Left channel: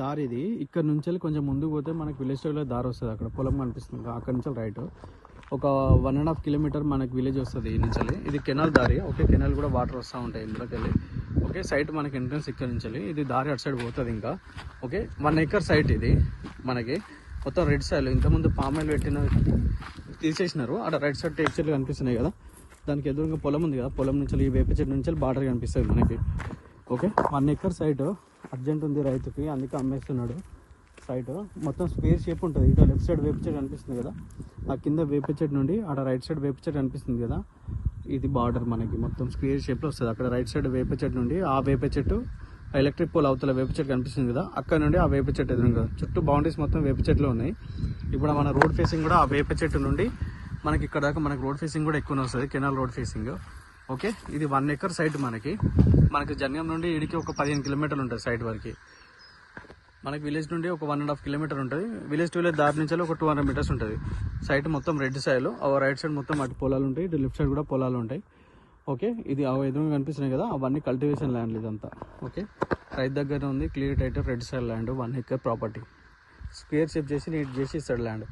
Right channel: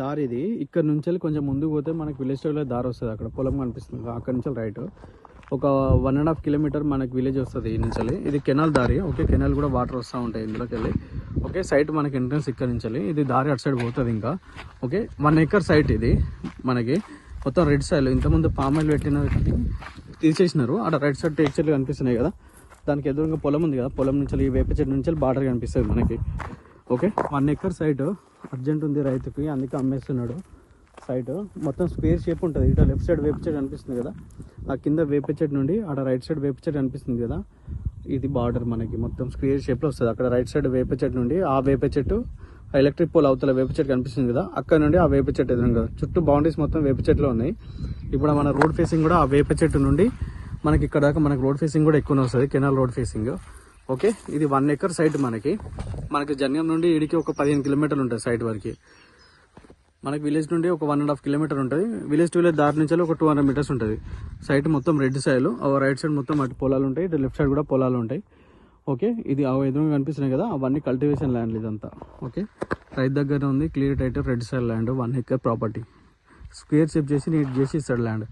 దారి ఇది ఇక్కడ నుంచి కొంచెం ముందుకు పోతే మనకి విలేజ్ లో దారి వస్తుంది. అక్కడ పొలం కనిపిస్తుంది, అక్కడ నుంచి రైట్ ఒక 1.5 కిలోమీటర్ మనకి విలేజ్ వస్తుంది ఈ నుంచి. ఇది కెనాల్ దారి. ఓకే, కెనాల్ కూడా వాటర్ వస్తూ ఉంటాయి ఇందులోకి వెళ్ళి. ఓకే, సైట్ మనకి ఎంట్రన్స్ ఇక్కడ నుంచి. ఇది దారి అటు సైడ్ పోతుంది ఇంకా. ఓకే, 1 ఎకర్ సైట్ ఇది మనకి. మొత్తం రెడ్ సైడ్ ఇంతకుముందు పామాయిల్ పెట్టినది కానీ తీసేసినారు. అక్కడ రైట్ సైడ్ టేక్ చెట్లు కనిపిస్తున్నాయి కదా, దానికి ఎదురుగా పొలం ఉంది కదా, పొలం నుంచి వేప చెట్టు నుంచి బార్డర్ కనిపిస్తుంది మనకి. ఓకే, 1 ఎకర్ సైట్ అర్జెంట్ ఉంది రైతుకి, అందుకే అమ్మేస్తున్నాడు. సైట్ మొత్తం స్క్వేర్ షేప్ ఉంటుంది. ఇటు లెఫ్ట్ సైడ్ వేప చెట్టు కనిపిస్తుంది కదా, ఆ కింద వేప చెట్టు నుండి అక్కడ రైట్ సైడ్ వేప చెట్టు కనిపిస్తుంది కదా, ఇది బార్డర్ మనకి మొత్తం స్క్వేర్ షేప్లో వస్తుంది. అక్కడ రైట్ సైడ్ వేప చెట్టు నుండి ఆ వేప చెట్టు, ఎలక్ట్రిక్ పోల్ అవతల వేప చెట్టు కనిపిస్తుంది కదా, అక్కడ నుండి ఆ వేప చెట్టు ఎదురుగా చుట్టూ బౌండరీస్ మొత్తం వేప చెట్లు ఉన్నాయి. ఇప్పుడు మన రోడ్ ఫేసింగ్ కూడా ఆ వేప చెట్టు నుండి మనకి ఇక్కడ దాకా మనకి రోడ్ ఫేసింగ్ కూడా ఎక్కువనే వస్తుంది, కెనాల్ రోడ్ ఫేసింగ్. ఓకే, ఇది 1 ఎకర్ సైట్ మనకి. జన్యం నుండి ఇడికి ఒక 15 కిలోమీటర్లు ఉంటుంది సైట్ వరకు. మనకి విలేజ్ నుండి ఒక 1.5 కిలోమీటర్ ఉంటుంది. విలేజ్ టు విలేజ్ దారి నుంచి ఒక 200 మీటర్స్ ఉంటుంది. సైట్ మొత్తం రెడ్ సైడ్, రైట్ సైడ్ మొత్తం అటు పొలాలు ఉంటాయి, ఇటు లెఫ్ట్ సైడ్ కూడా పొలాలు ఉంటాయి. ఓకే, ఇది ఎదురుగా కనిపిస్తున్నాయి కదా, అవన్నీ కల్టివేషన్ ల్యాండ్ ఇదంతా. ఓకే, రైతు దగ్గర ఉంది, clear title red side land, 1 acre property. Square shape చేసి నీట్ చేసి ఇస్తాడు ల్యాండ్.